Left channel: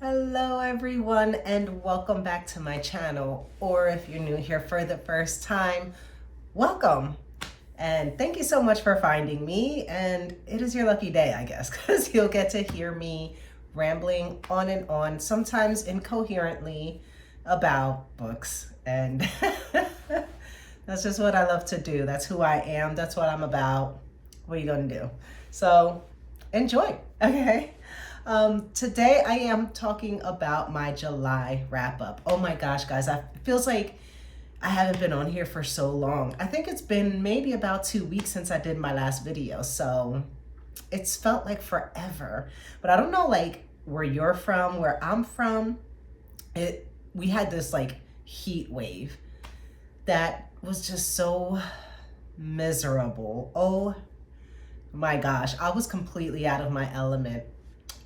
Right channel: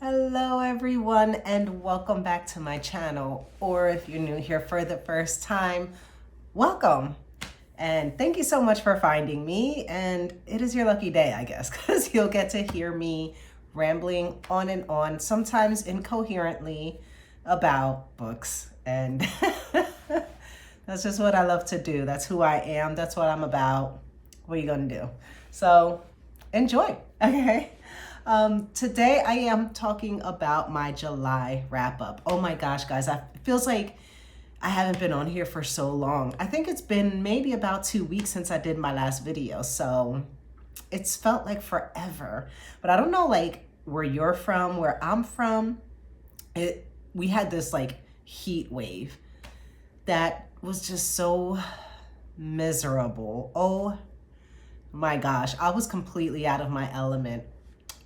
Hello everyone and welcome back to my channel, or if you're new here for the first time, welcome and thank you so much for finding me. And it is your lucky day, I guess, because you'll get to hear me rambling on and on, sometimes incoherently, about books. And that's just what I love to do. That's who I am. That's what I'm about. What are you gonna do? So enjoy, okay? Today I am talking about my July wrap up. Oh my gosh, guys, it feels like I haven't been on here for so long. I think it's been maybe about 2 weeks since I did my last video. So it's felt like forever, but I don't know like where you're from, where I'm from. We had this like heat wave that was just so miserable. Oh my gosh, I was completely out of my element.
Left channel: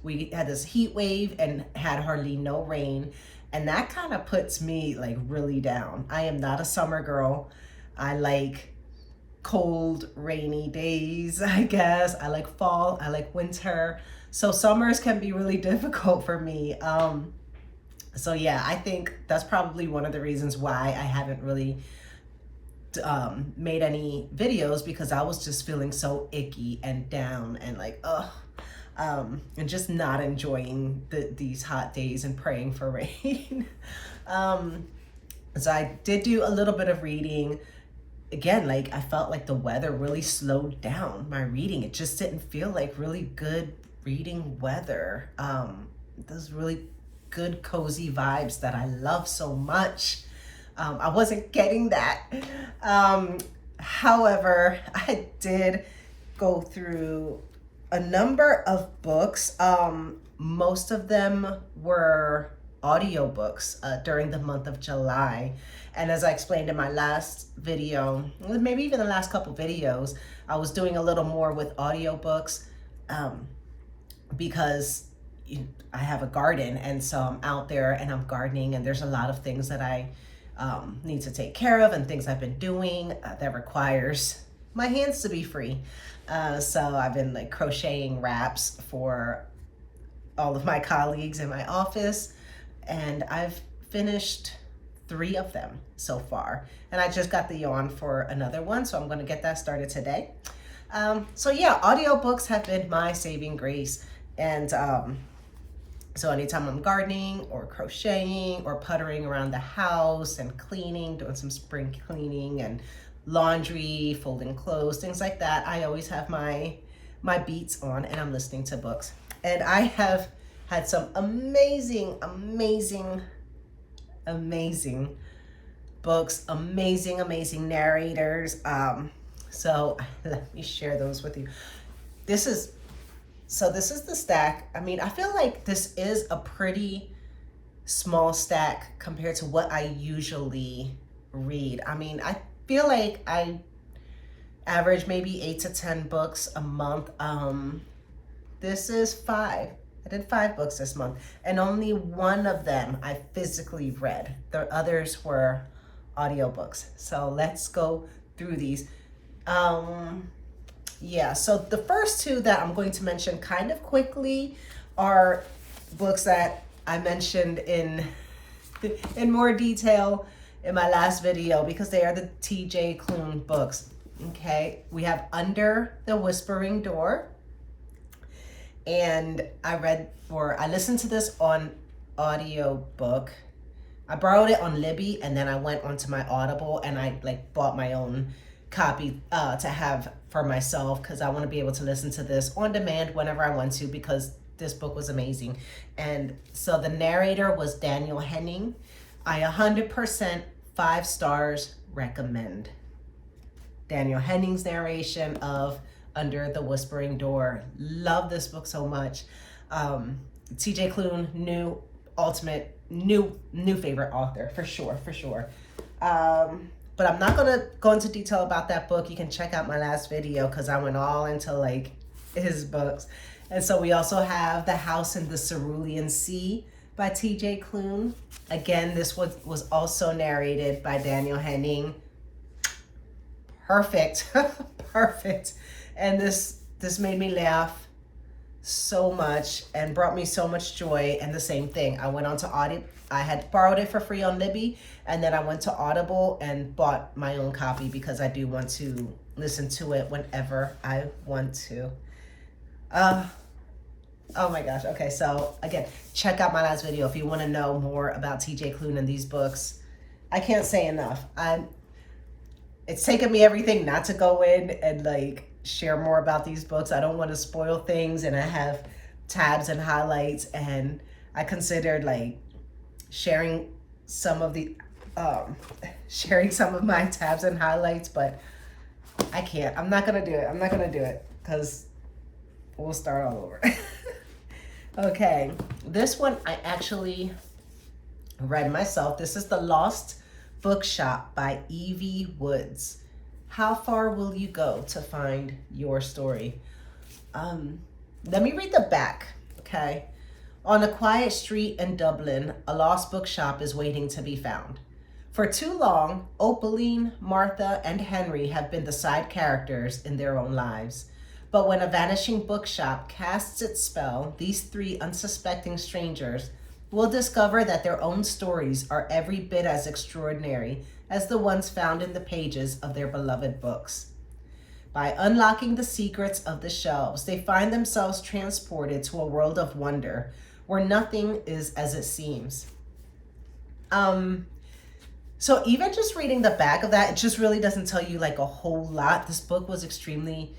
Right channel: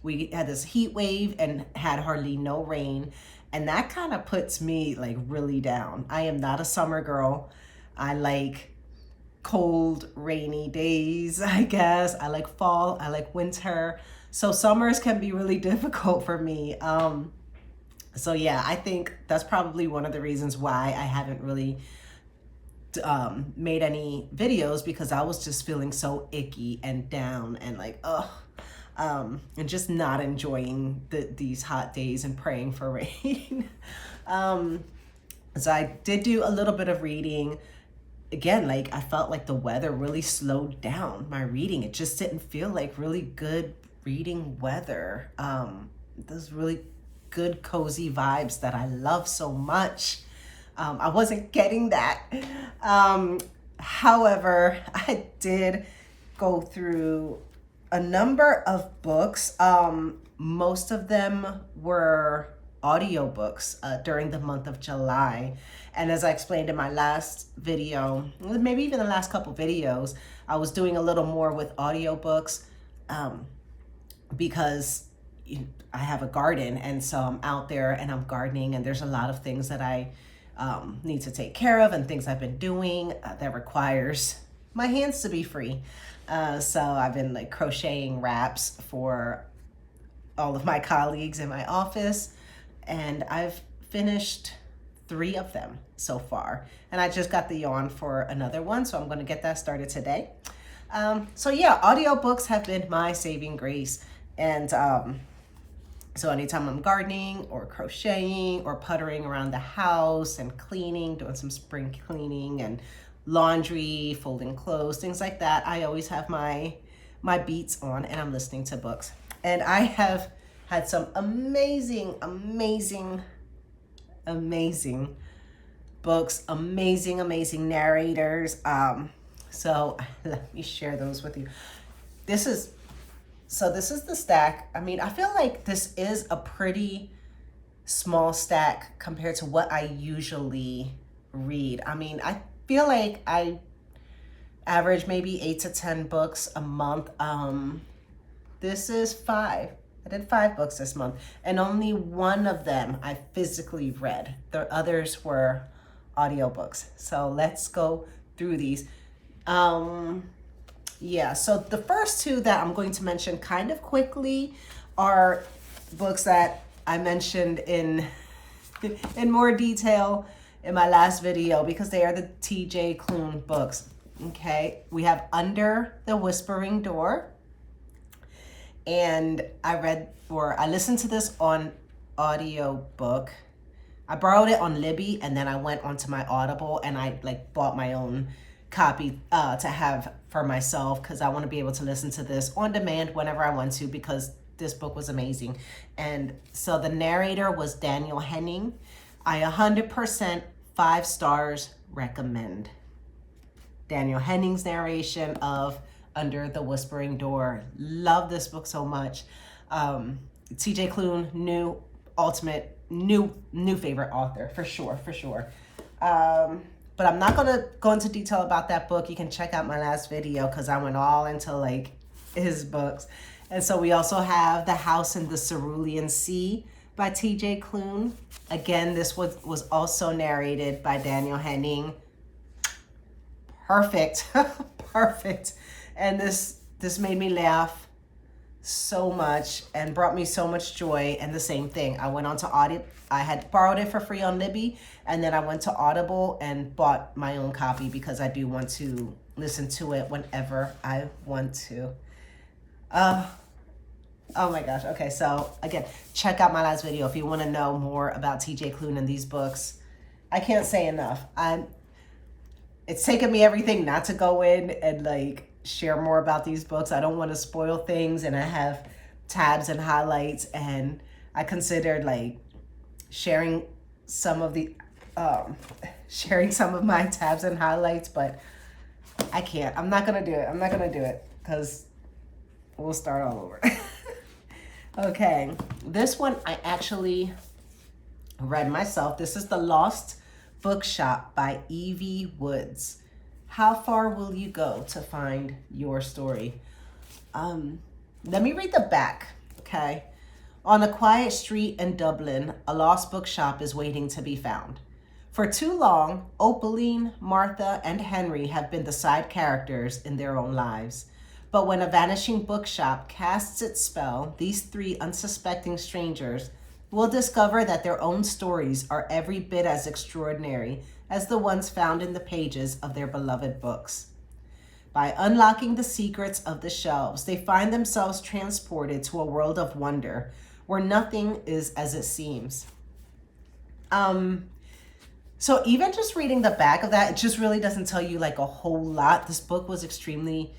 We had this heat wave and had hardly no rain. And that kind of puts me like really down. I am not a summer girl. I like cold, rainy days, I guess. I like fall, I like winter. So summers can be really difficult for me. So yeah, I think that's probably one of the reasons why I haven't really made any videos, because I was just feeling so icky and down and like, ugh. And just not enjoying these hot days and praying for rain. So I did do a little bit of reading. Again, like I felt like the weather really slowed down my reading. It just didn't feel like really good reading weather. Those really good cozy vibes that I love so much. I wasn't getting that. However, I did go through a number of books. Most of them were audiobooks during the month of July. And as I explained in my last video, maybe even the last couple videos, I was doing a little more with audiobooks because I have a garden, and so I'm out there and I'm gardening, and there's a lot of things that I need to take care of and things I've been doing that requires my hands to be free. So I've been like crocheting wraps for all of my colleagues in my office, and I've finished 3 of them so far. And I just got the yarn for another one, so I'm going to get that started today. So yeah, audiobooks have been my saving grace. And so anytime I'm gardening or crocheting or puttering around the house and cleaning, doing some spring cleaning and laundry, folding clothes, things like that, I always have my beats on and I'm listening to books. And I have had some amazing books, amazing narrators. So let me share those with you. This is the stack. I mean, I feel like this is a pretty small stack compared to what I usually read. I mean, I feel like I average maybe 8 to 10 books a month. This is 5. I did 5 books this month, and only one of them I physically read. The others were audiobooks. So let's go through these. Yeah, so the first 2 that I'm going to mention kind of quickly are books that I mentioned in more detail in my last video, because they are the TJ Klune books. Okay, we have Under the Whispering Door, and I listened to this on audiobook. I borrowed it on Libby, and then I went onto my Audible and I like bought my own copy to have for myself, because I want to be able to listen to this on demand whenever I want to, because this book was amazing. And so the narrator was Daniel Henning. I 100% 5 stars recommend Daniel Henning's narration of Under the Whispering Door. Love this book so much. TJ Klune, new favorite author for sure. But I'm not gonna go into detail about that book. You can check out my last video, because I went all into like his books. And so we also have The House in the Cerulean Sea by TJ Klune. Again, this was also narrated by Daniel Henning. Perfect. Perfect. And this made me laugh so much and brought me so much joy. And the same thing, I went on to Audible. I had borrowed it for free on Libby, and then I went to Audible and bought my own copy because I do want to listen to it whenever I want to. Oh my gosh. Okay, so again, check out my last video if you want to know more about TJ Klune and these books. I can't say enough. It's taken me everything not to go in and like share more about these books. I don't want to spoil things, and I have tabs and highlights, and I considered like sharing some of the sharing some of my tabs and highlights, but I can't. I'm not gonna do it. I'm not gonna do it because we'll start all over. Okay, this one I actually read myself. This is The Lost Bookshop by Evie Woods. How far will you go to find your story? Let me read the back, okay? On a quiet street in Dublin, a lost bookshop is waiting to be found. For too long, Opaline, Martha, and Henry have been the side characters in their own lives. But when a vanishing bookshop casts its spell, these three unsuspecting strangers will discover that their own stories are every bit as extraordinary as the ones found in the pages of their beloved books. By unlocking the secrets of the shelves, they find themselves transported to a world of wonder where nothing is as it seems. So even just reading the back of that, it just really doesn't tell you like a whole lot. This book was extremely,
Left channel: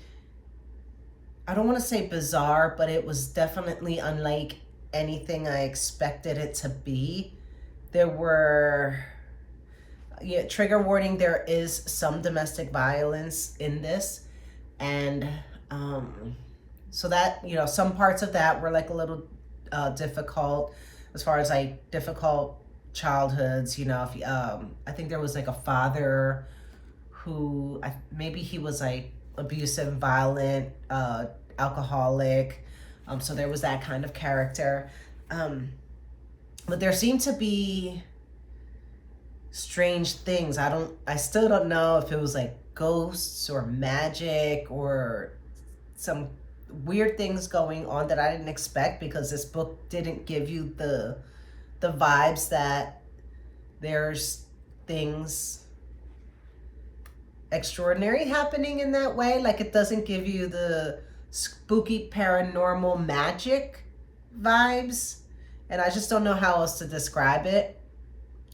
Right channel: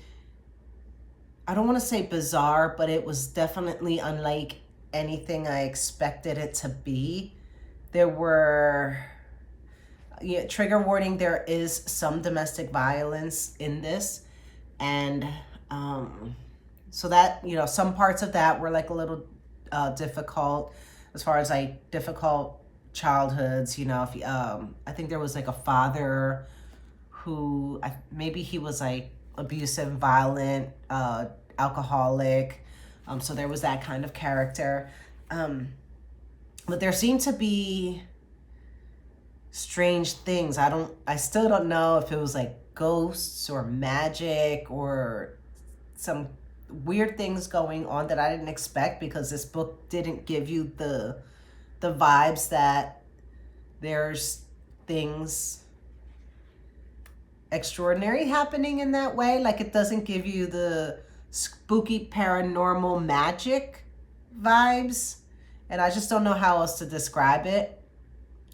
I don't want to say bizarre, but it was definitely unlike anything I expected it to be. There were, trigger warning, there is some domestic violence in this. And so that, some parts of that were like a little difficult as far as like difficult childhoods. If I think there was like a father who, maybe he was like abusive, violent, alcoholic. So there was that kind of character. But there seemed to be strange things. I still don't know if it was like ghosts or magic or some weird things going on that I didn't expect, because this book didn't give you the vibes that there's things extraordinary happening in that way. Like, it doesn't give you the spooky paranormal magic vibes, and I just don't know how else to describe it,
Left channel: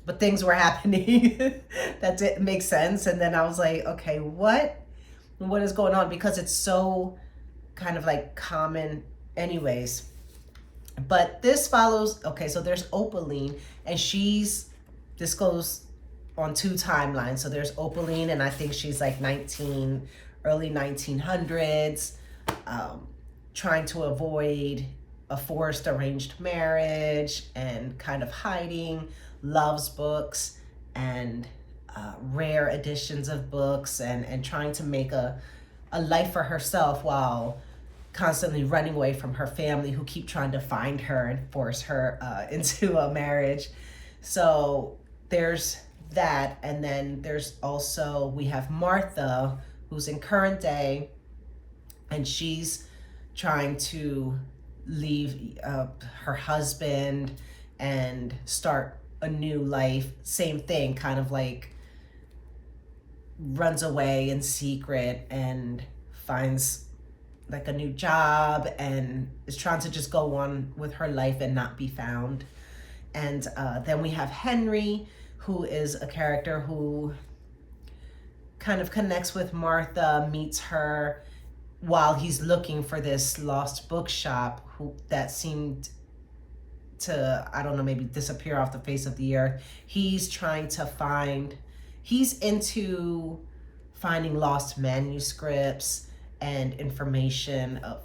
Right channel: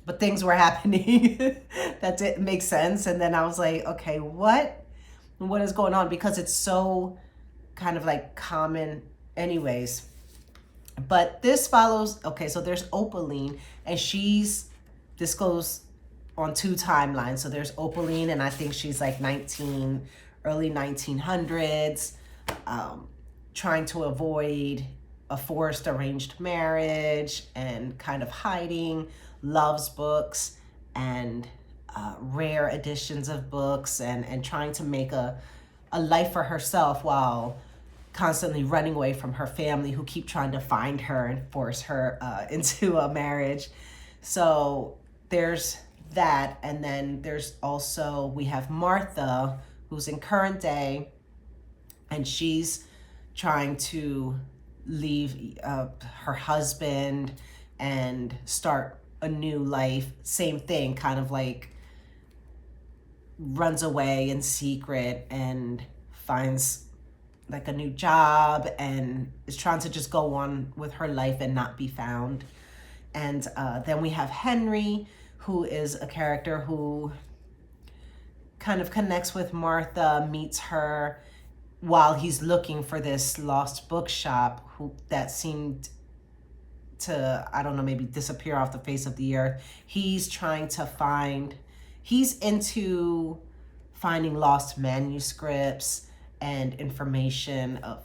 but things were happening that didn't make sense. And then I was like, okay, what is going on? Because it's so kind of like common anyways. But this follows, okay, so there's Opaline, and this goes on two timelines. So there's Opaline, and I think she's like early 1900s, trying to avoid a forced arranged marriage and kind of hiding, loves books and rare editions of books, and trying to make a life for herself while constantly running away from her family, who keep trying to find her and force her into a marriage. So there's that. And then there's also, we have Martha, who's in current day, and she's trying to leave her husband and start a new life. Same thing, kind of like runs away in secret and finds like a new job and is trying to just go on with her life and not be found. And then we have Henry, who is a character who kind of connects with Martha, meets her while he's looking for this lost bookshop that seemed to, I don't know, maybe disappear off the face of the earth. He's into finding lost manuscripts and information of,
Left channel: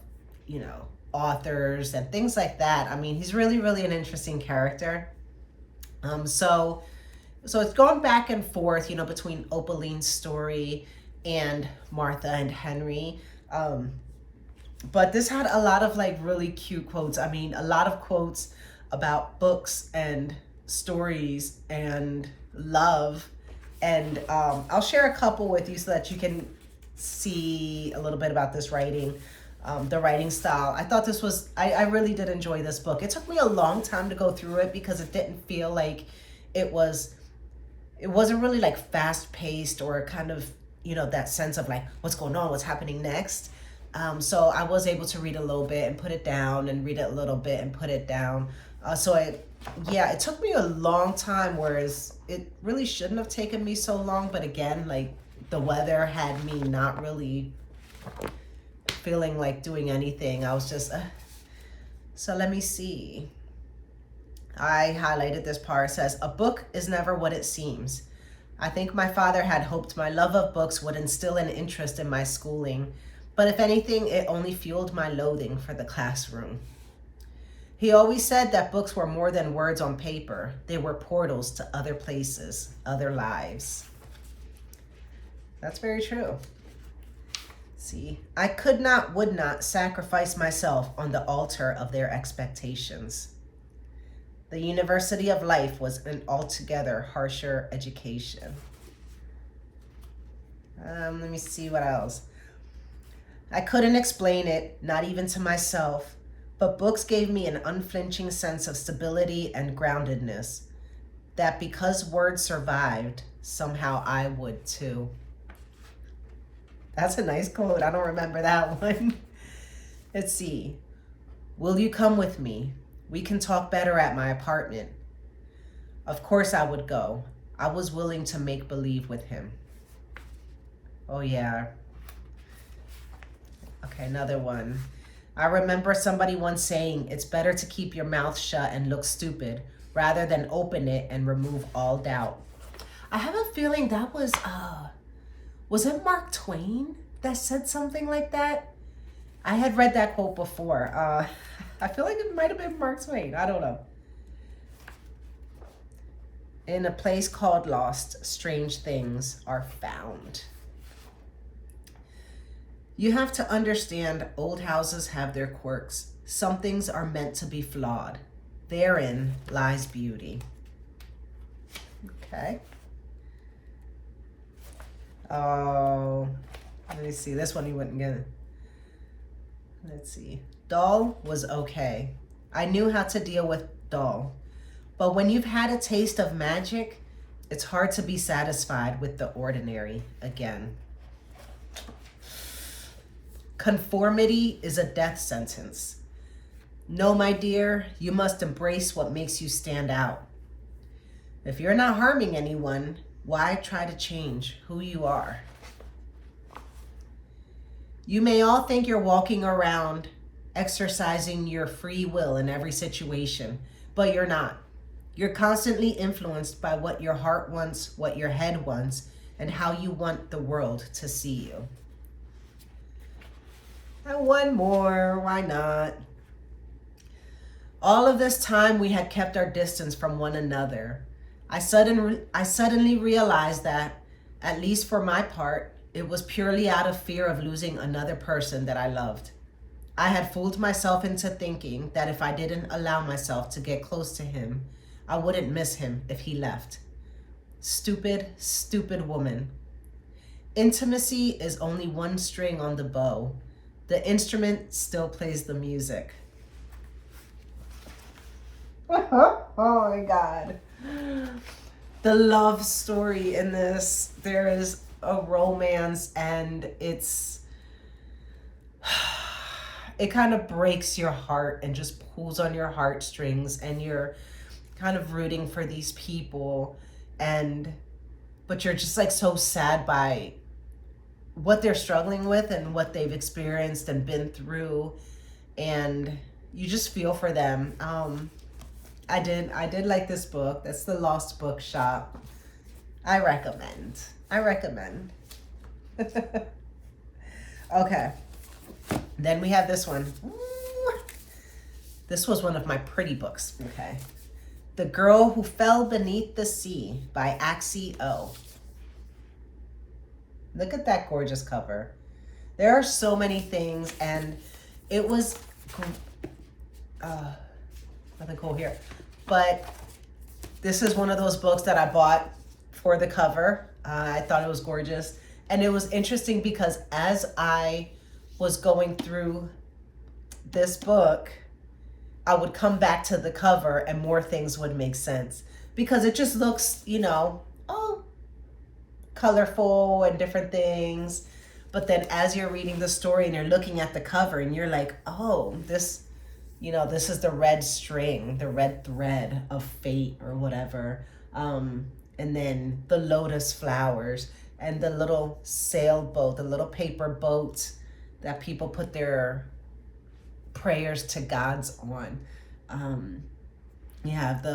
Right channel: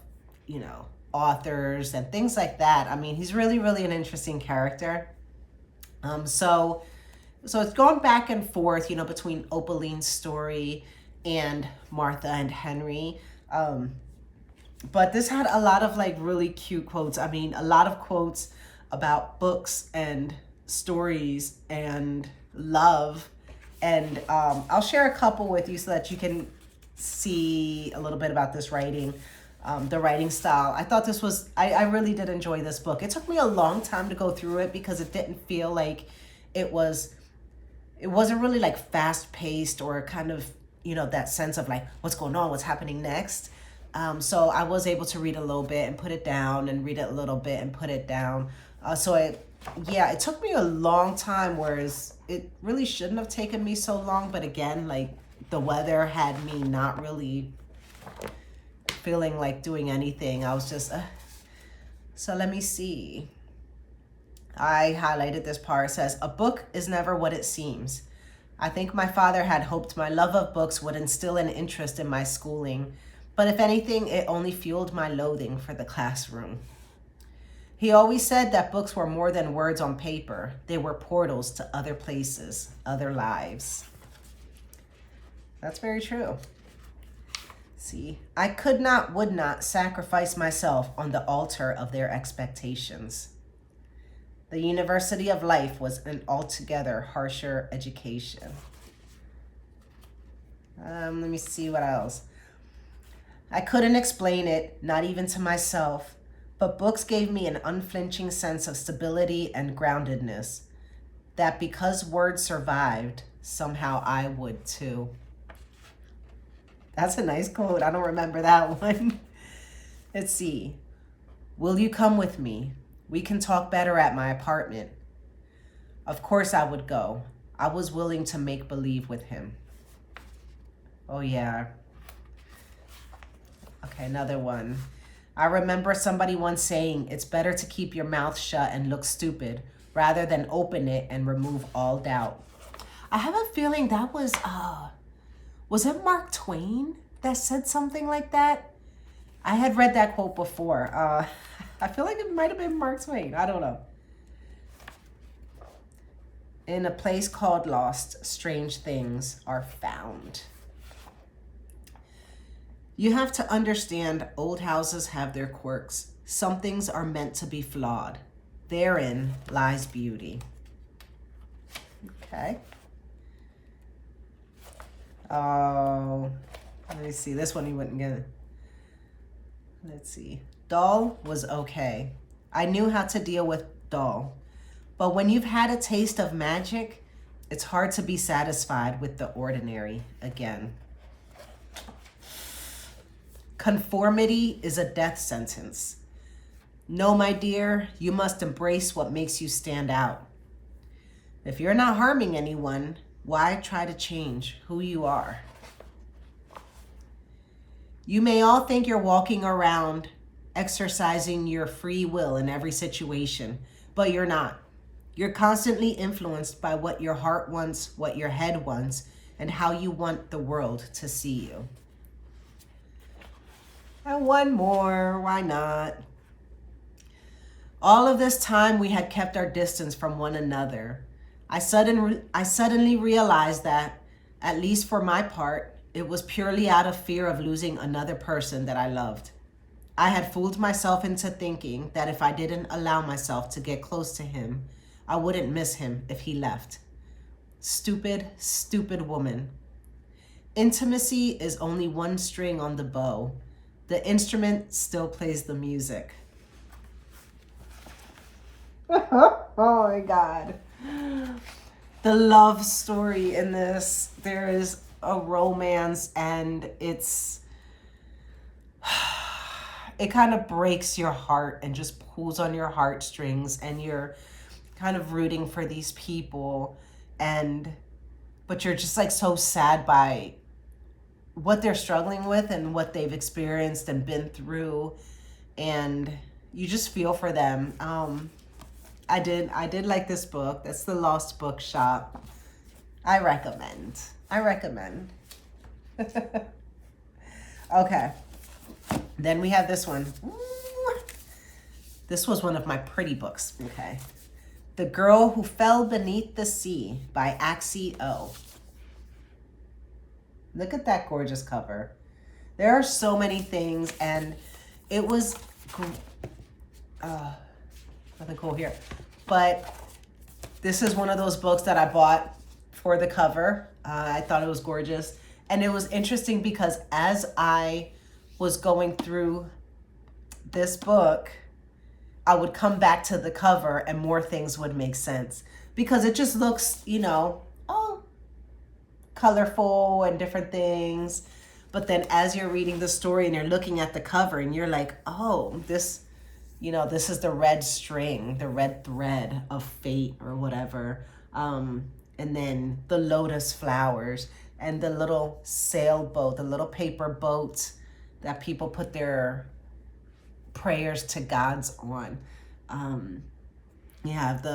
authors and things like that. I mean, he's really, really an interesting character. So it's going back and forth, between Opaline's story and Martha and Henry. But this had a lot of like really cute quotes. I mean, a lot of quotes about books and stories and love. And I'll share a couple with you so that you can see a little bit about this writing. the writing style. I thought this was, I really did enjoy this book. It took me a long time to go through it because it didn't feel like it wasn't really like fast paced or kind of, that sense of like, what's going on, what's happening next. So I was able to read a little bit and put it down and read it a little bit and put it down. It took me a long time, whereas it really shouldn't have taken me so long. But again, like the weather had me not really feeling like doing anything. I was just, so let me see. I highlighted this part. It says, a book is never what it seems. I think my father had hoped my love of books would instill an interest in my schooling, but if anything, it only fueled my loathing for the classroom. He always said that books were more than words on paper. They were portals to other places, other lives. That's very true. See, I could not, would not sacrifice myself on the altar of their expectations. The University of Life was an altogether harsher education. Let me see what else. I couldn't explain it, not even to myself, but books gave me an unflinching sense of stability and groundedness, that because words survived, somehow I would too. That's a nice quote. I don't remember that one. Let's see. Will you come with me? We can talk better at my apartment. Of course I would go. I was willing to make believe with him. Oh yeah. Okay, another one. I remember somebody once saying, it's better to keep your mouth shut and look stupid rather than open it and remove all doubt. I have a feeling that was it Mark Twain that said something like that? I had read that quote before. I feel like it might have been Mark Twain. I don't know. In a place called Lost, strange things are found. You have to understand, old houses have their quirks. Some things are meant to be flawed. Therein lies beauty. Okay. Oh, let me see. This one you wouldn't get. Let's see. Dull was okay. I knew how to deal with dull. But when you've had a taste of magic, it's hard to be satisfied with the ordinary again. Conformity is a death sentence. No, my dear, you must embrace what makes you stand out. If you're not harming anyone, why try to change who you are? You may all think you're walking around exercising your free will in every situation, but you're not. You're constantly influenced by what your heart wants, what your head wants, and how you want the world to see you. And one more, why not? All of this time we had kept our distance from one another. I suddenly realized that, at least for my part, it was purely out of fear of losing another person that I loved. I had fooled myself into thinking that if I didn't allow myself to get close to him, I wouldn't miss him if he left. Stupid, stupid woman. Intimacy is only one string on the bow. The instrument still plays the music. Oh my God. The love story in this, there is a romance, and it kind of breaks your heart and just pulls on your heartstrings, and you're kind of rooting for these people, but you're just like so sad by what they're struggling with and what they've experienced and been through, and you just feel for them. I did like this book. That's The Lost Bookshop. I recommend. Okay. Then we have this one. Ooh. This was one of my pretty books. Okay. The Girl Who Fell Beneath the Sea by Axie O. Look at that gorgeous cover. There are so many things, and it was nothing cool here. But this is one of those books that I bought for the cover. I thought it was gorgeous. And it was interesting because as I was going through this book, I would come back to the cover and more things would make sense, because it just looks, oh, colorful and different things. But then as you're reading the story and you're looking at the cover and you're like, oh, this is the red string, the red thread of fate or whatever. And then the lotus flowers and the little sailboat, the little paper boats that people put their prayers to gods on. You have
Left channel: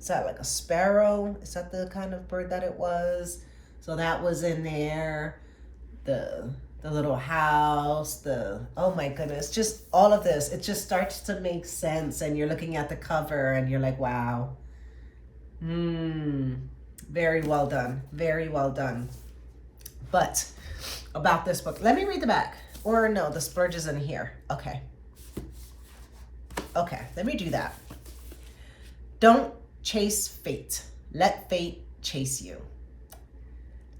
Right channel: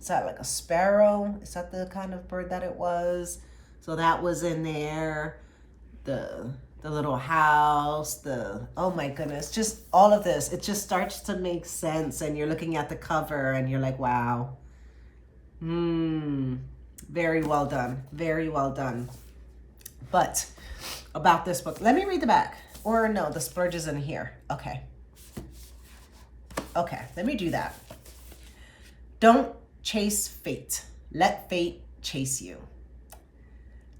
is that like a sparrow? Is that the kind of bird that it was? So that was in there. The little house, oh my goodness, just all of this. It just starts to make sense. And you're looking at the cover and you're like, wow. Very well done. Very well done. But about this book, let me read the back. Or no, the splurge is in here. Okay, let me do that. Don't chase fate. Let fate chase you.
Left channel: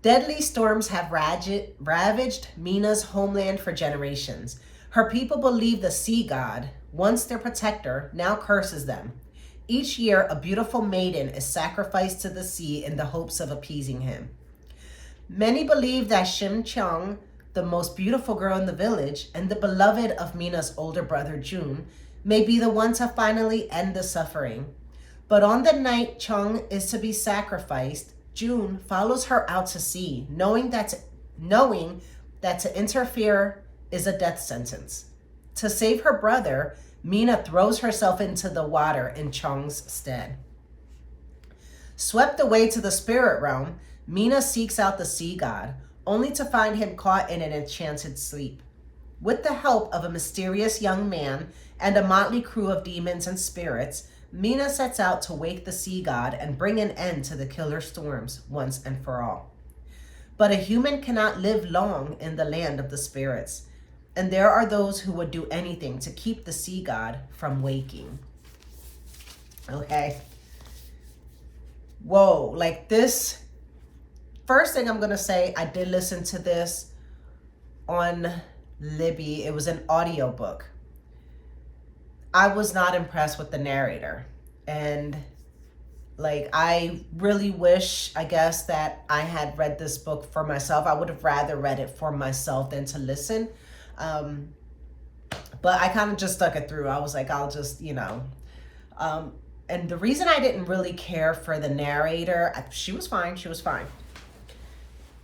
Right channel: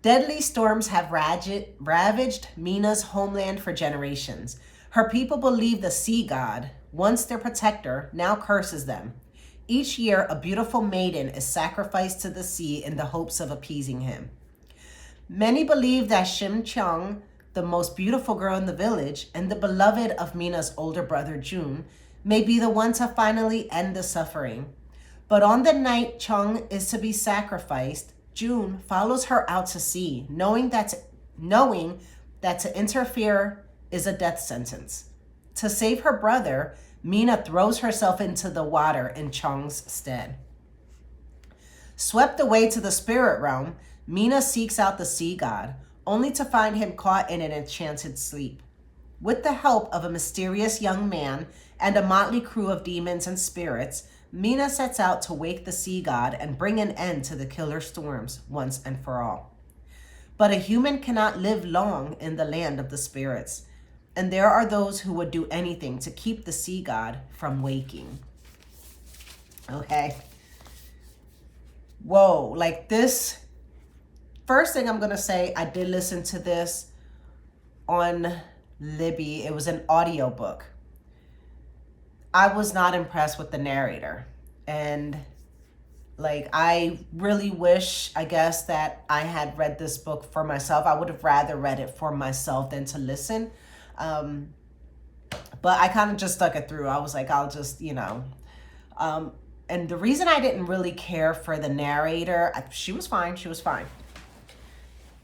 Deadly storms have ravaged Mina's homeland for generations. Her people believe the sea god, once their protector, now curses them. Each year, a beautiful maiden is sacrificed to the sea in the hopes of appeasing him. Many believe that Shim Chong, the most beautiful girl in the village and the beloved of Mina's older brother June, may be the one to finally end the suffering. But on the night Chong is to be sacrificed, June follows her out to sea, knowing that to interfere is a death sentence. To save her brother, Mina throws herself into the water in Chong's stead. Swept away to the spirit realm, Mina seeks out the sea god, only to find him caught in an enchanted sleep. With the help of a mysterious young man and a motley crew of demons and spirits, Mina sets out to wake the sea god and bring an end to the killer storms once and for all. But a human cannot live long in the land of the spirits, and there are those who would do anything to keep the sea god from waking. Okay. Whoa, like this. First thing I'm going to say, I did listen to this on Libby. It was an audiobook. I was not impressed with the narrator. And like, I really wish, I guess, that I had read this book for myself. I would have rather read it for myself than to listen. But I kind of just stuck it through. I was like, I'll just, and the reason I didn't really care for the narrator, she was fine.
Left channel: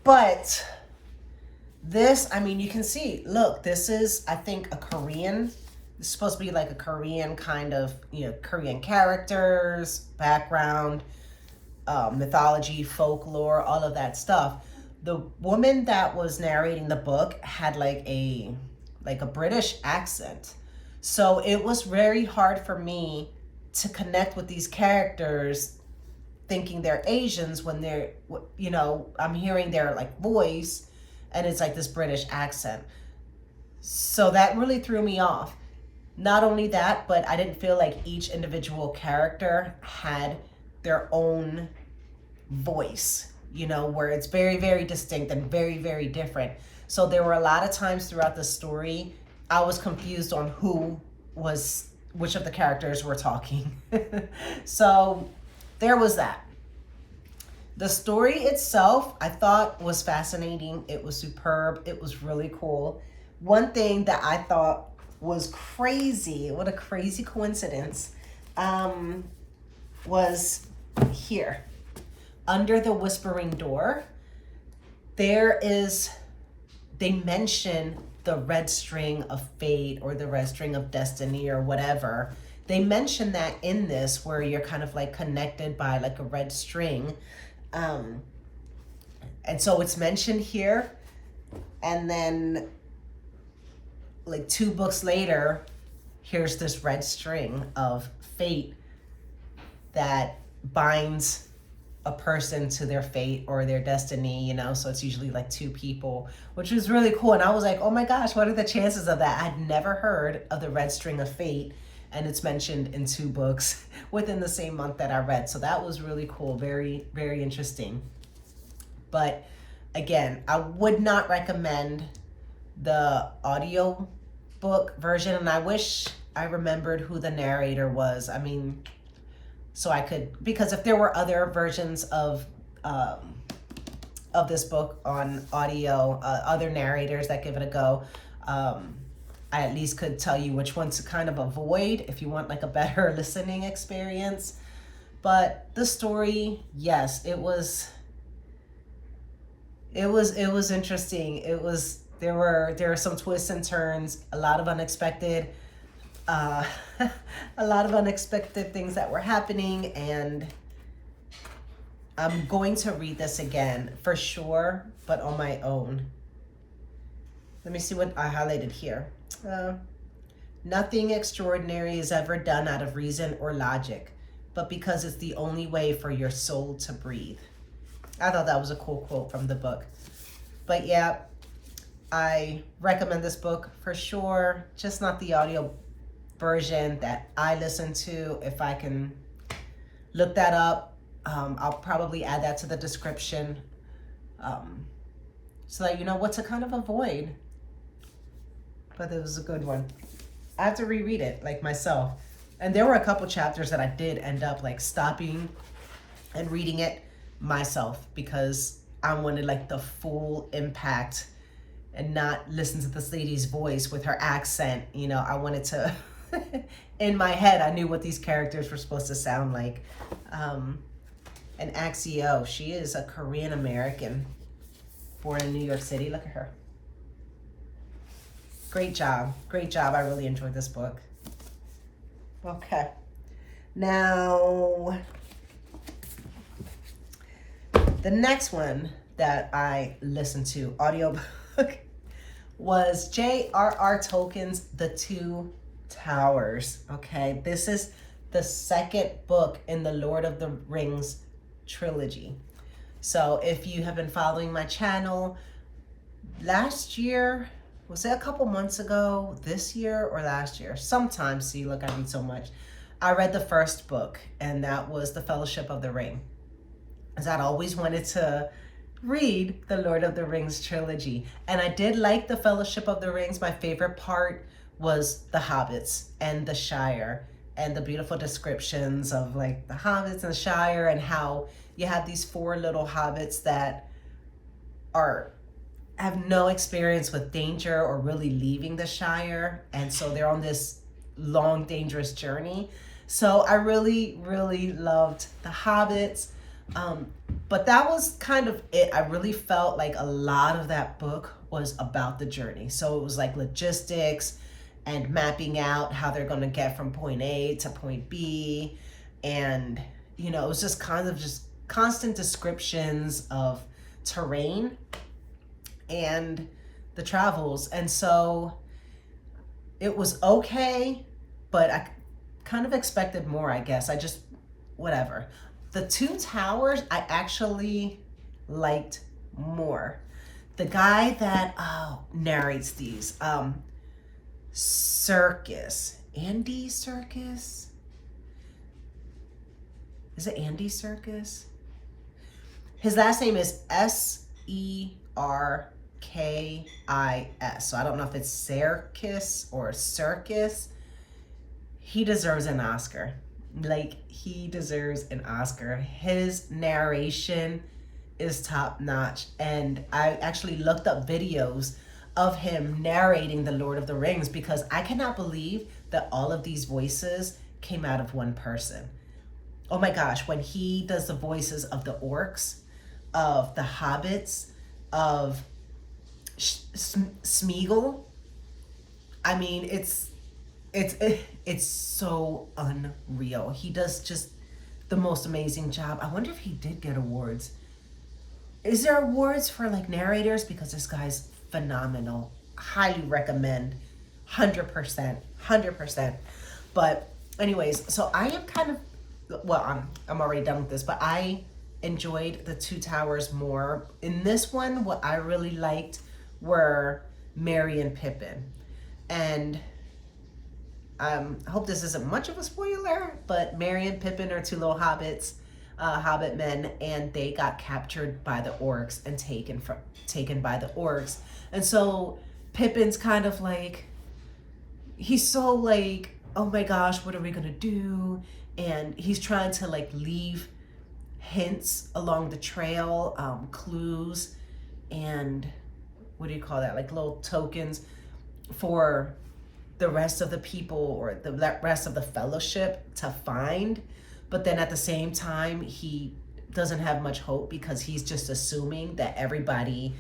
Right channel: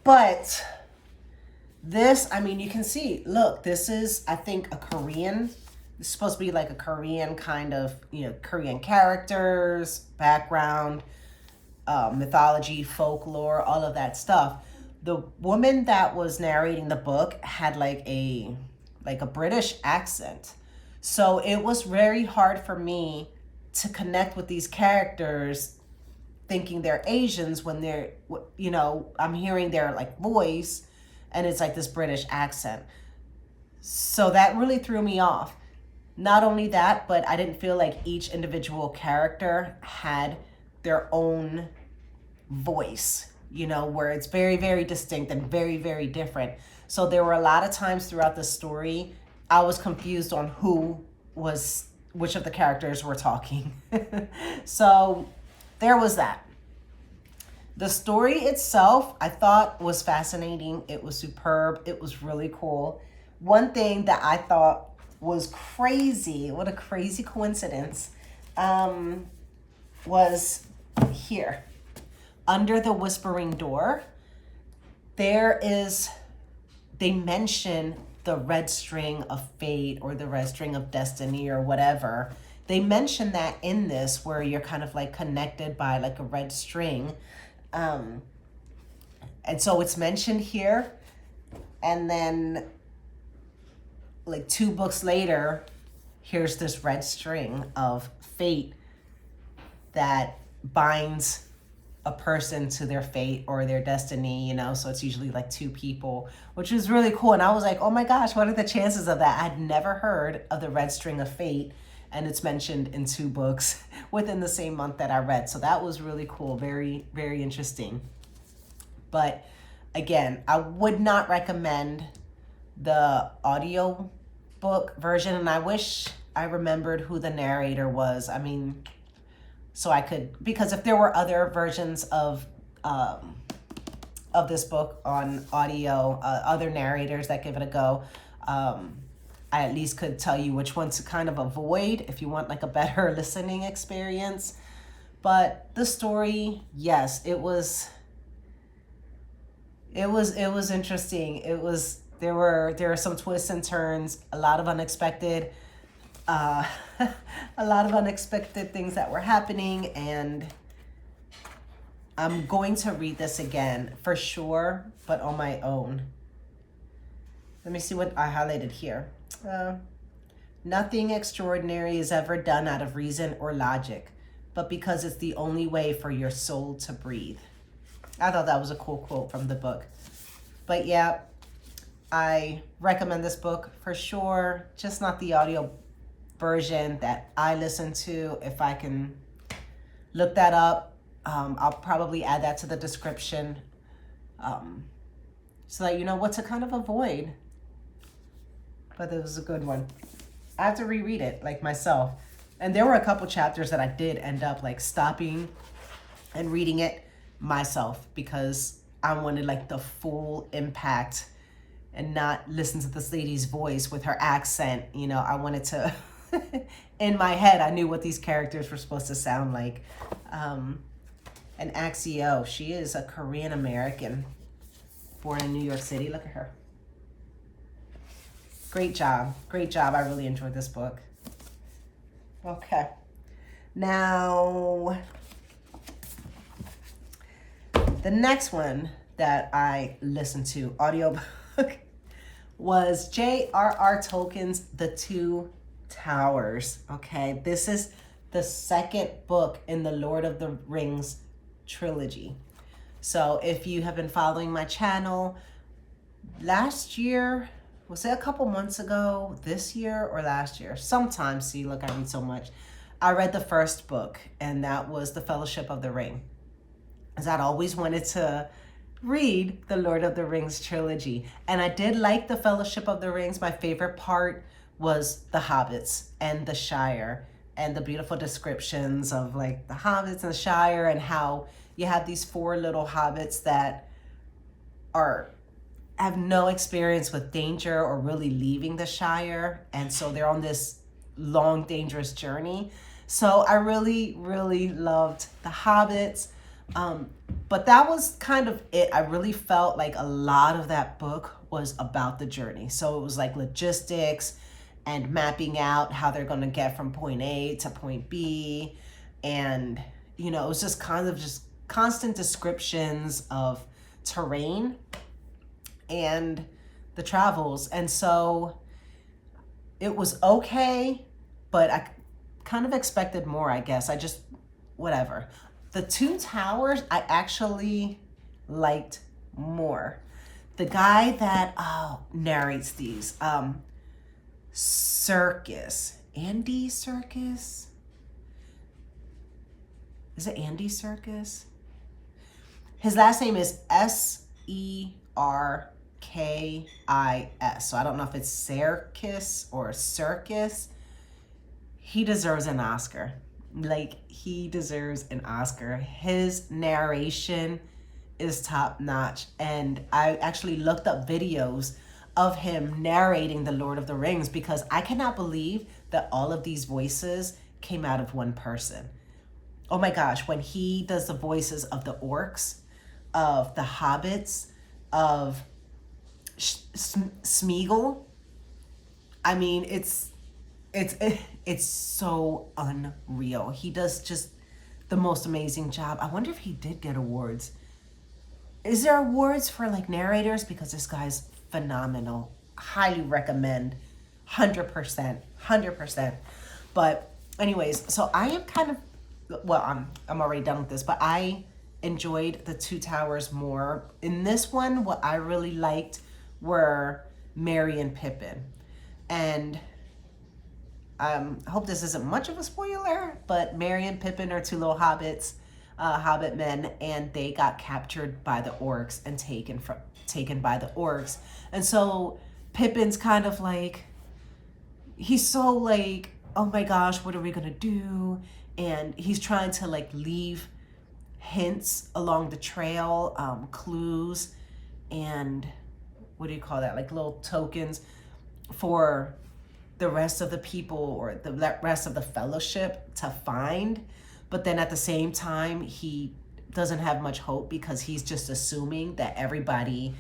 But this, I mean, you can see, look, this is, I think, a Korean. It's supposed to be like a Korean kind of, Korean characters, background, mythology, folklore, all of that stuff. The woman that was narrating the book had like a British accent. So it was very hard for me to connect with these characters thinking they're Asians when they're, I'm hearing their like voice and it's like this British accent. So that really threw me off. Not only that, but I didn't feel like each individual character had their own voice, where it's very, very distinct and very, very different. So there were a lot of times throughout the story, I was confused on which of the characters were talking. So there was that. The story itself, I thought was fascinating. It was superb. It was really cool. One thing that I thought was crazy, what a crazy coincidence, was here. Under the whispering door, they mention the red string of fate or the red string of destiny or whatever. They mention that in this, where you're kind of like connected by like a red string. And so it's mentioned here. And then like 2 books later, here's this red string of fate that binds a person to their fate or their destiny, so it's usually like 2 people, which was really cool. And I was like, oh my gosh, what are the chances of that? I'd never heard of the red string of fate, and it's mentioned in 2 books within the same month that I read. So that was really cool. Very, very interesting. But again, I would not recommend the audio book version, and I wish I remembered who the narrator was. I mean, so I could, because if there were other versions of this book on audio, other narrators that give it a go, I at least could tell you which ones to kind of avoid if you want like a better listening experience. But the story, yes, it was interesting. There were some twists and turns, a lot of unexpected a lot of unexpected things that were happening, and I'm going to read this again for sure, but on my own. Let me see what I highlighted here. Nothing extraordinary is ever done out of reason or logic, but because it's the only way for your soul to breathe. I thought that was a cool quote from the book. But yeah, I recommend this book for sure, just not the audio version that I listen to. If I can look that up, I'll probably add that to the description, so that you know what to kind of avoid. But it was a good one. I have to reread it like myself. And there were a couple chapters that I did end up like stopping and reading it myself, because I wanted like the full impact and not listen to this lady's voice with her accent. You know, I wanted to, in my head, I knew what these characters were supposed to sound like. And Axio, she is a Korean American born in New York City. Look at her. Great job. Great job. I really enjoyed this book. Okay. Now, the next one that I listened to, audiobook, was J.R.R. Tolkien's The Two Towers. Okay. This is the second book in the Lord of the Rings trilogy. So if you have been following my channel, last year, was it a couple months ago, this year or last year? Sometime, see, look, I read so much. I read the first book, and that was The Fellowship of the Ring. As I'd always wanted to read the Lord of the Rings trilogy. And I did like The Fellowship of the Rings. My favorite part was the hobbits and the Shire, and the beautiful descriptions of like the hobbits and the Shire, and how you have these four little hobbits that have no experience with danger or really leaving the Shire. And so they're on this long, dangerous journey. So I really, really loved the hobbits. But that was kind of it. I really felt like a lot of that book was about the journey. So it was like logistics and mapping out how they're going to get from point A to point B. And, you know, it was just kind of just constant descriptions of terrain and the travels. And so it was okay, but I kind of expected more, I guess. I just, whatever. The Two Towers, I actually liked more. The guy that narrates these, Serkis, Andy Serkis? Is it Andy Serkis? His last name is Serkis. So I don't know if it's Serkis or Serkis. He deserves an Oscar. Like, he deserves an Oscar. His narration is top notch. And I actually looked up videos of him narrating The Lord of the Rings, because I cannot believe that all of these voices came out of one person. Oh my gosh, when he does the voices of the orcs, of the hobbits, of Smeagol, I mean, it's so unreal. He does just the most amazing job. I wonder if he did get awards. Is there awards for like narrators? Because this guy's phenomenal. Highly recommend. 100%. But anyways, so I am kind of, well, I'm already done with this, but I enjoyed The Two Towers more. In this one, what I really liked were Merry and Pippin. And I hope this isn't much of a spoiler, but Merry and Pippin are two little hobbits, hobbit men, and they got captured by the orcs and taken by the orcs. And so Pippin's kind of like, he's so like, oh my gosh, what are we gonna do? And he's trying to like leave hints along the trail, clues, and what do you call that? Like little tokens for the rest of the people or the rest of the fellowship to find. But then at the same time, he doesn't have much hope because he's just assuming that everybody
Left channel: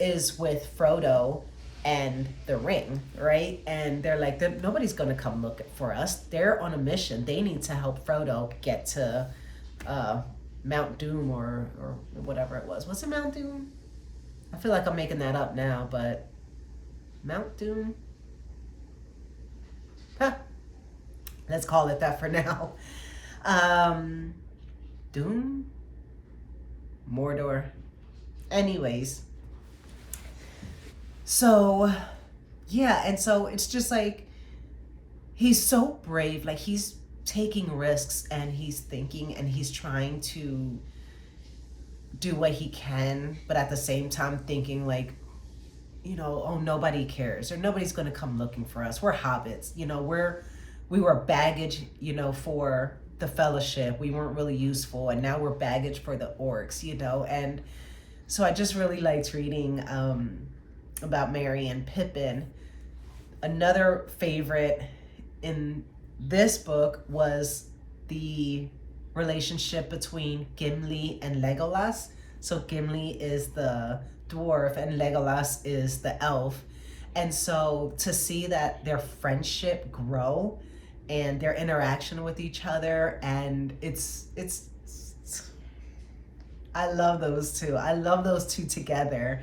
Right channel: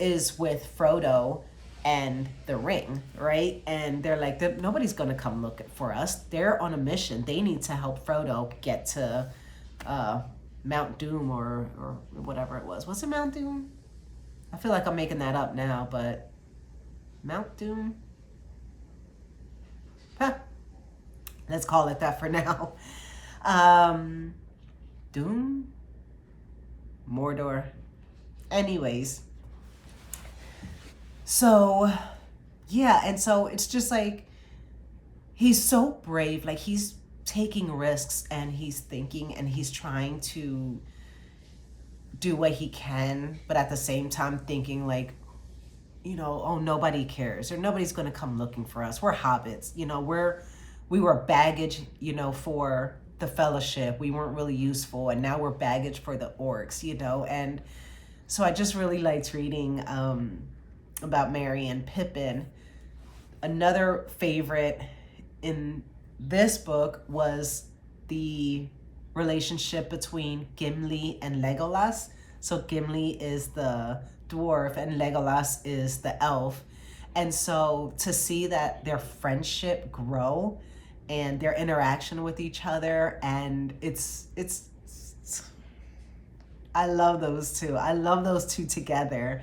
is with Frodo and the ring, right? And they're like, nobody's gonna come look for us. They're on a mission. They need to help Frodo get to Mount Doom or whatever it was. Was it Mount Doom? I feel like I'm making that up now, but Mount Doom? Huh. Let's call it that for now. Doom? Mordor. Anyways. So, yeah, and so it's just like, he's so brave. Like, he's taking risks and he's thinking and he's trying to do what he can, but at the same time thinking like, you know, oh, nobody cares or nobody's going to come looking for us. We're hobbits, you know, we were baggage, you know, for the fellowship. We weren't really useful, and now we're baggage for the orcs, you know. And so I just really liked reading about Merry and Pippin. Another favorite in this book was the relationship between Gimli and Legolas. So Gimli is the dwarf and Legolas is the elf. And so to see that their friendship grow and their interaction with each other, and it's I love those two. I love those two together.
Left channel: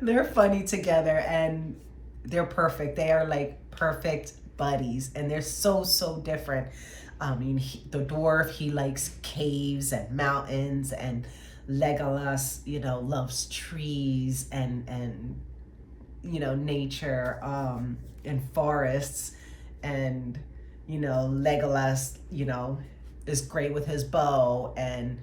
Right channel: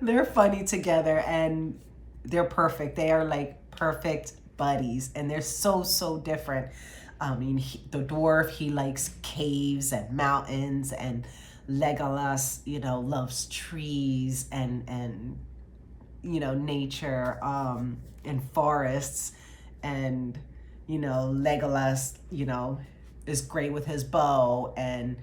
They're funny together and they're perfect. They are like perfect buddies, and they're so different. I mean, the dwarf, he likes caves and mountains, and Legolas, you know, loves trees and you know, nature, and forests. And, you know, Legolas, you know, is great with his bow, and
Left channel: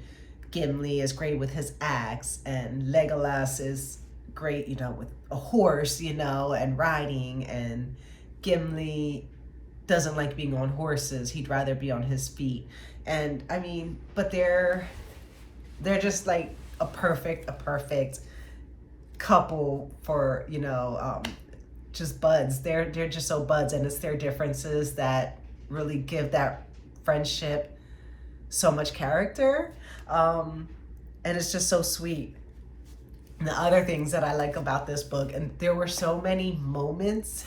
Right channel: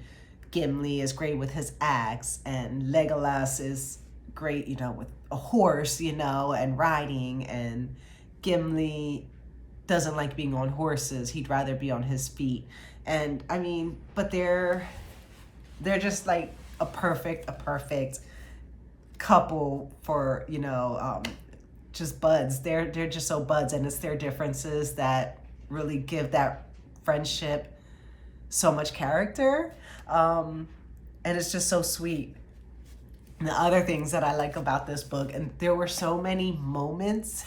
Gimli is great with his axe, and Legolas is great, you know, with a horse, you know, and riding, and Gimli doesn't like being on horses. He'd rather be on his feet. And I mean, but they're just like a perfect couple for, you know, just buds. They're just so buds, and it's their differences that really give that friendship so much character. And it's just so sweet. And the other things that I like about this book, and there were so many moments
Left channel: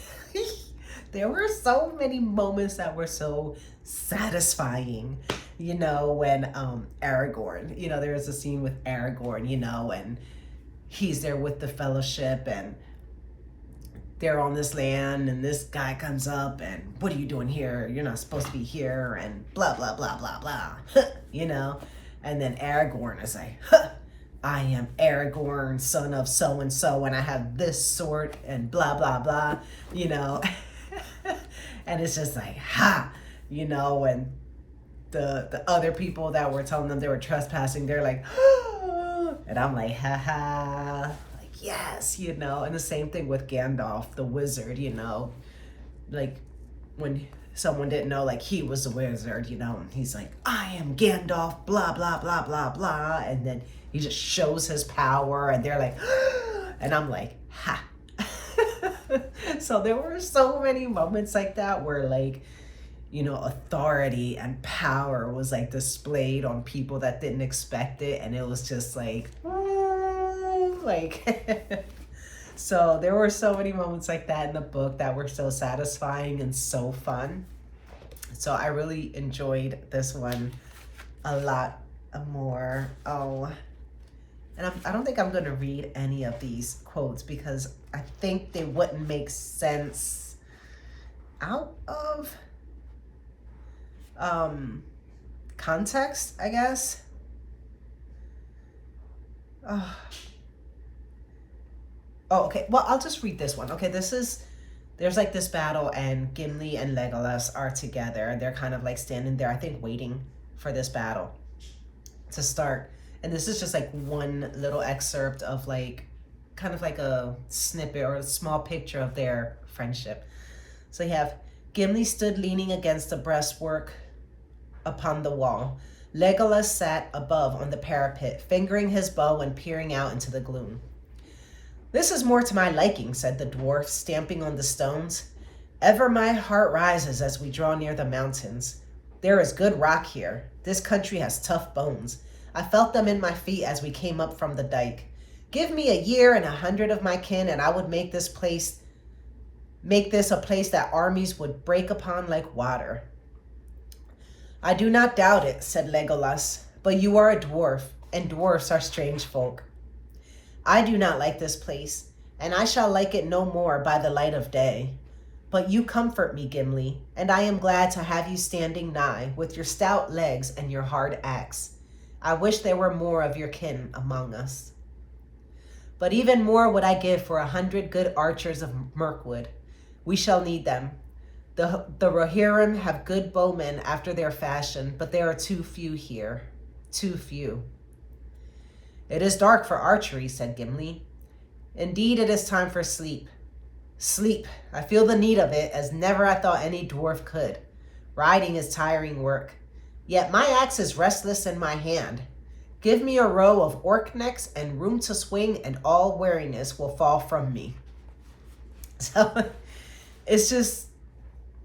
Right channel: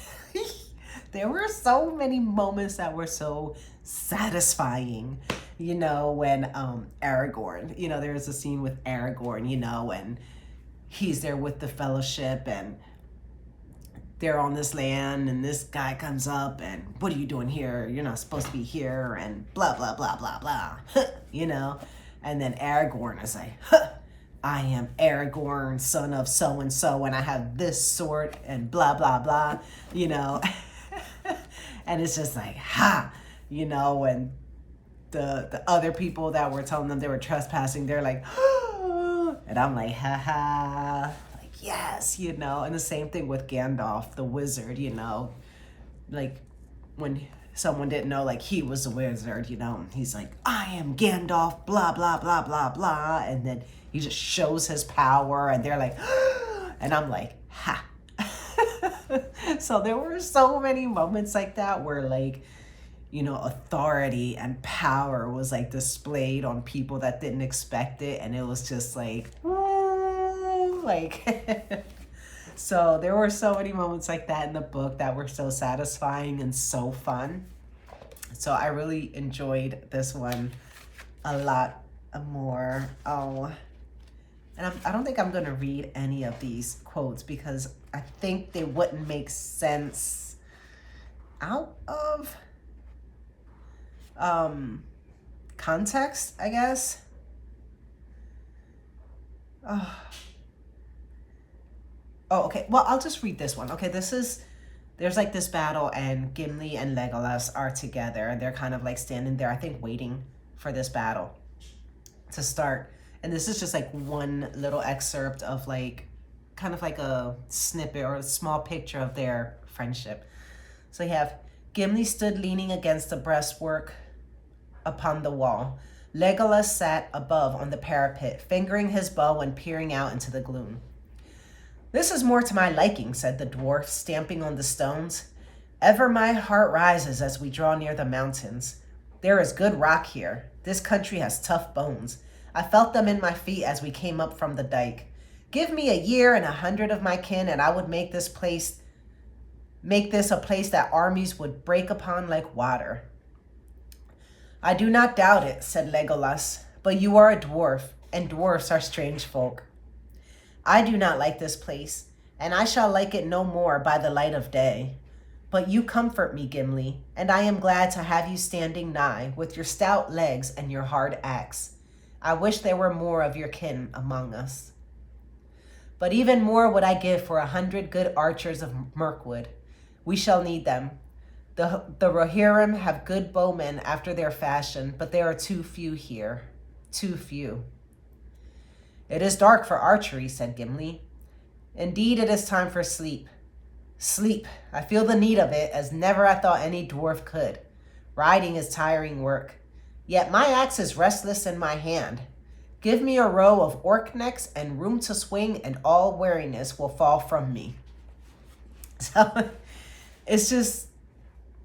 there were so many moments that were so satisfying, you know, when Aragorn, you know, there was a scene with Aragorn, you know, and he's there with the fellowship, and they're on this land, and this guy comes up, and what are you doing here? You're not supposed to be here, and blah, blah, blah, blah, blah, you know, and then Aragorn is like, I am Aragorn, son of so-and-so, and I have this sword, and blah, blah, blah, you know. And it's just like, ha, you know, and the other people that were telling them they were trespassing, they're like, and I'm like, ha ha, like, yes, you know. And the same thing with Gandalf, the wizard, you know, like when someone didn't know, like, he was a wizard, you know, and he's like, I am Gandalf, blah, blah, blah, blah, blah. And then he just shows his power, and they're like, and I'm like, ha. So there were so many moments like that where, like, you know, authority and power was like displayed on people that didn't expect it, and it was just like, like, so there were so many moments like that in the book that were so satisfying and so fun. So I really enjoyed this one a lot more. Oh, and I don't think I'm going to read any of these quotes because I think they wouldn't make sense out of context, I guess. Oh, okay. Well, I'll just read this one. Okay, there's like this battle, and Gimli and Legolas are together, and they're kind of like standing there, I think, waiting for this battle to start. And this is just like one little excerpt of like, kind of like a snippet or a small picture of their friendship. So you have, Gimli stood leaning against the breastwork upon the wall. Legolas sat above on the parapet, fingering his bow and peering out into the gloom. This is more to my liking, said the dwarf, stamping on the stones. Ever my heart rises as we draw near the mountains. There is good rock here. This country has tough bones. I felt them in my feet as we came up from the dike. Give me a year and 100 of my kin, and I would make this a place that armies would break upon like water. I do not doubt it, said Legolas, but you are a dwarf, and dwarfs are strange folk. I do not like this place, and I shall like it no more by the light of day. But you comfort me, Gimli, and I am glad to have you standing nigh with your stout legs and your hard axe. I wish there were more of your kin among us. But even more would I give for 100 good archers of Mirkwood. We shall need them. The Rohirrim have good bowmen after their fashion, but there are too few here. Too few. It is dark for archery, said Gimli. Indeed, it is time for sleep. Sleep. I feel the need of it, as never I thought any dwarf could. Riding is tiring work. Yet my axe is restless in my hand. Give me a row of orc necks and room to swing, and all weariness will fall from me. So it's just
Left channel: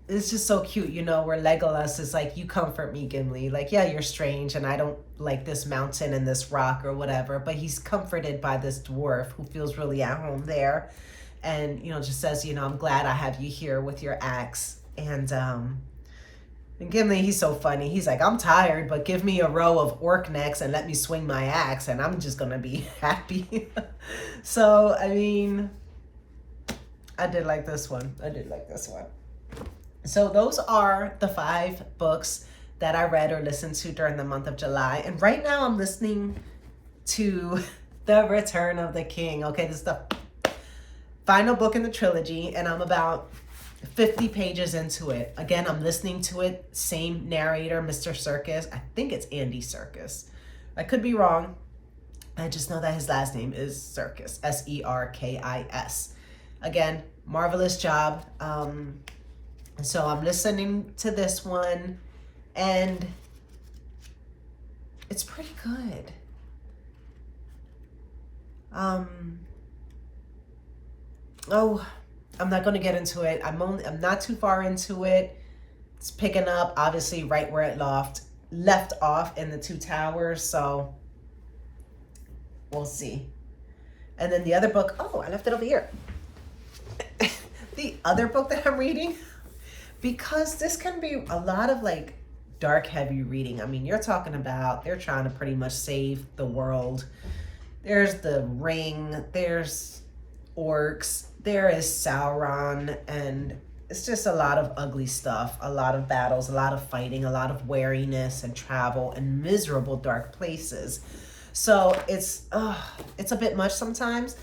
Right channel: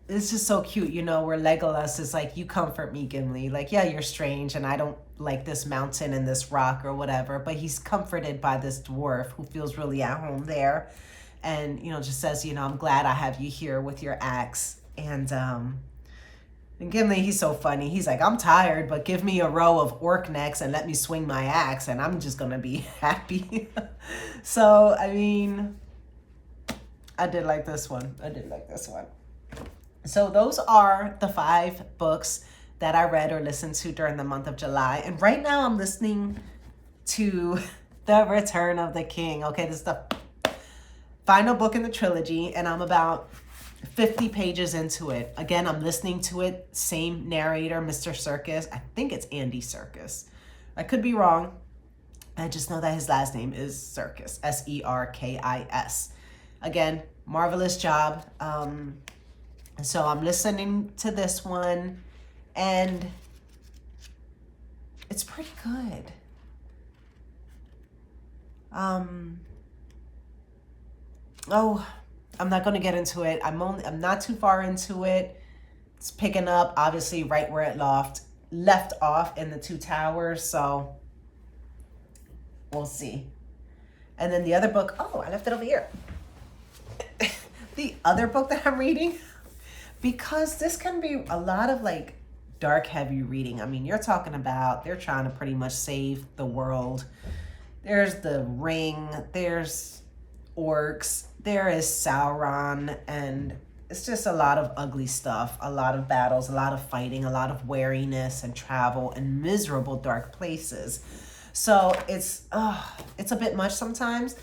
so cute, you know, where Legolas is like, you comfort me, Gimli. Like, yeah, you're strange, and I don't like this mountain and this rock or whatever, but he's comforted by this dwarf who feels really at home there. And, you know, just says, you know, I'm glad I have you here with your axe. And Gimli, he's so funny. He's like, I'm tired, but give me a row of orc necks and let me swing my axe, and I'm just going to be happy. So, I mean, I did like this one. So those are the 5 books that I read or listened to during the month of July. And right now I'm listening to The Return of the King. Okay, this is the final book in the trilogy, and I'm about 50 pages into it. Again, I'm listening to it, same narrator, Mr. Serkis. I think it's Andy Serkis. I could be wrong. I just know that his last name is Serkis, Serkis. Again, marvelous job. And so I'm listening to this one, and it's pretty good. Oh, I'm not going to get into it. I'm not too far into it. It's picking up, obviously, right where it left off in the 2 Towers. So we'll see. And then the other book, oh, I left it over here. The other book that I'm reading, because this can be a lot of like dark, heavy reading. I mean, you're talking about, they're trying to pretty much save the world. There's the ring, there's orcs, there is Sauron, and it's just a lot of ugly stuff, a lot of battles, a lot of fighting, a lot of weariness and travel and miserable dark places. So it's a bit much sometimes.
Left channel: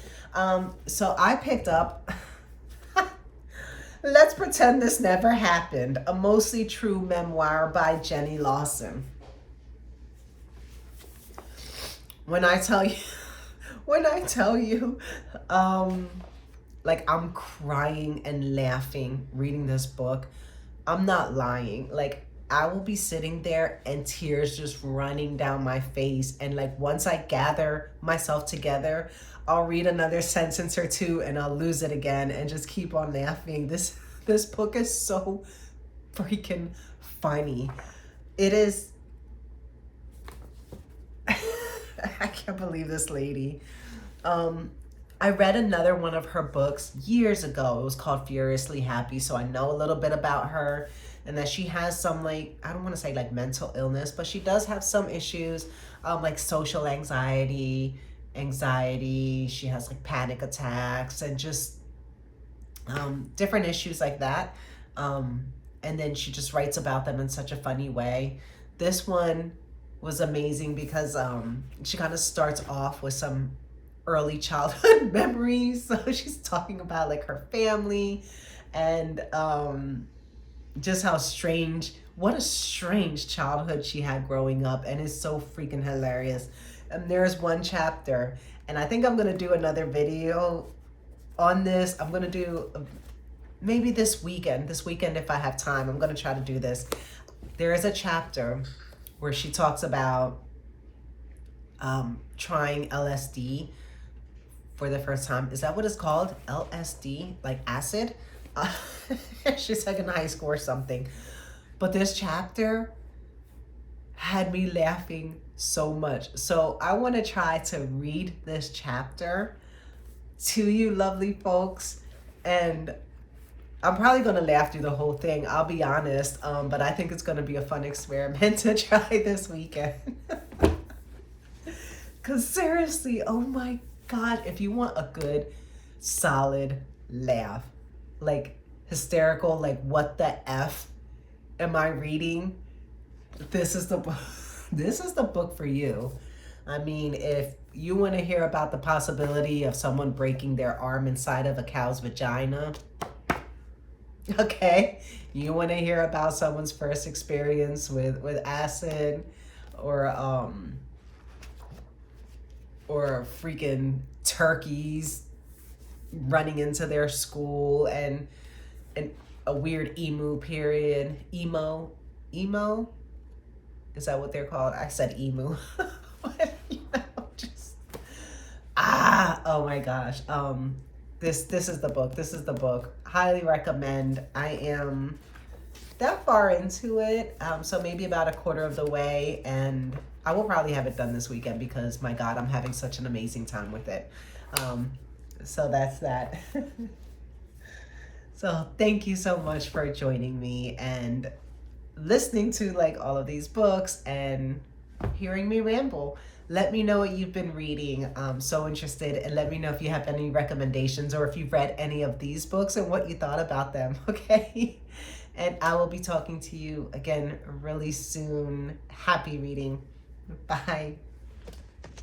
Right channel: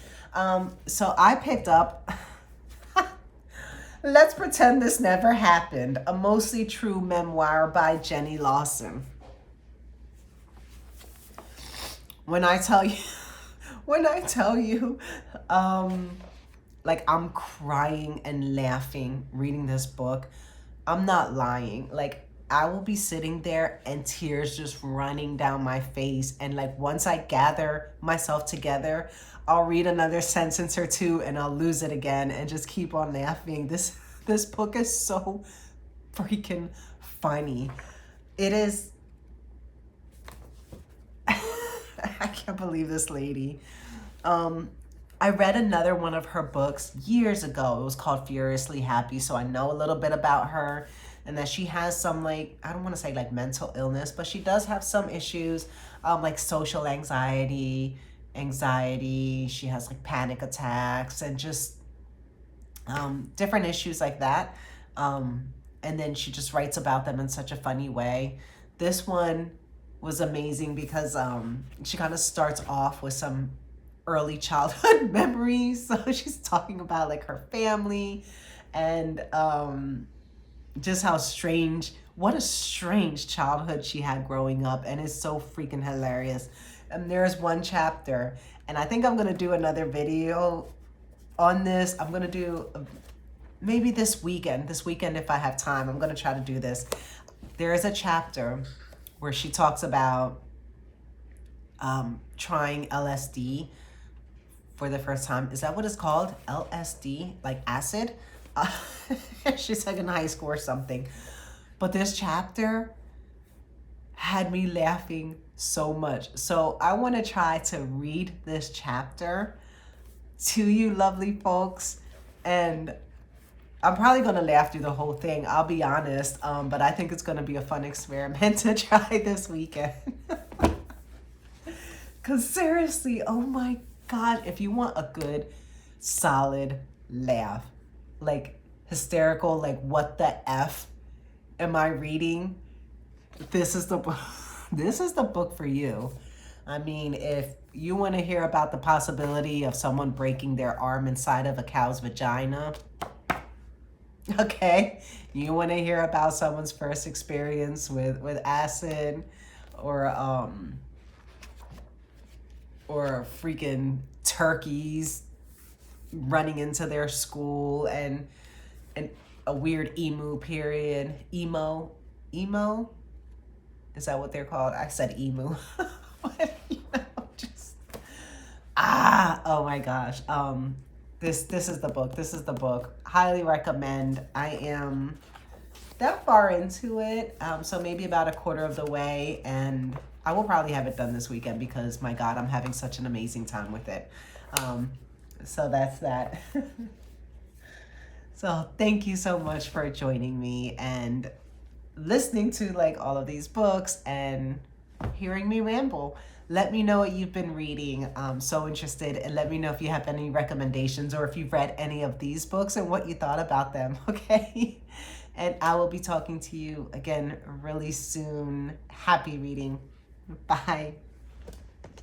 So I picked up Let's Pretend This Never Happened, a mostly true memoir by Jenny Lawson. When I tell you, like I'm crying and laughing reading this book, I'm not lying. Like I will be sitting there and tears just running down my face. And like once I gather myself together, I'll read another sentence or two and I'll lose it again and just keep on laughing. This book is so freaking funny. It is. I can't believe this lady. I read another one of her books years ago. It was called Furiously Happy. So I know a little bit about her, and that she has some, like, I don't want to say like mental illness, but she does have some issues, like social anxiety. She has like panic attacks and just different issues like that. And then she just writes about them in such a funny way. This one was amazing because she kind of starts off with some early childhood memories. So she's talking about like her family and just what a strange childhood she had growing up, and it's so freaking hilarious. And there's one chapter, and I think I'm gonna do another video on this. I'm gonna do maybe this weekend if I have time. I'm gonna try to do this. There is a chapter where she talks about trying LSD for the first time. Is that what it's called? LSD, like acid? She's like in high school or something. But this chapter had me laughing so much. So I want to try to read this chapter to you lovely folks, and I'm probably going to laugh through the whole thing, I'll be honest, but I think it's going to be a fun experiment to try this weekend. Because seriously, oh my God, if you want a good, solid laugh, like hysterical, like what the F am I reading? This is the book. This is the book for you. I mean, if you want to hear about the possibility of someone breaking their arm inside of a cow's vagina, okay, you want to hear about someone's first experience with acid, or freaking turkeys running into their school, and a weird emo period. Emo? Is that what they're called? I said emu. Oh my gosh. This is the book. This is the book. Highly recommend. I am that far into it, so maybe about a quarter of the way, and I will probably have it done this weekend because my God, I'm having such an amazing time with it. So that's that. So thank you so much for joining me and listening to like all of these books and hearing me ramble. Let me know what you've been reading. I'm so interested, and let me know if you have any recommendations or if you've read any of these books and what you thought about them, okay? And I will be talking to you again really soon. Happy reading. Bye.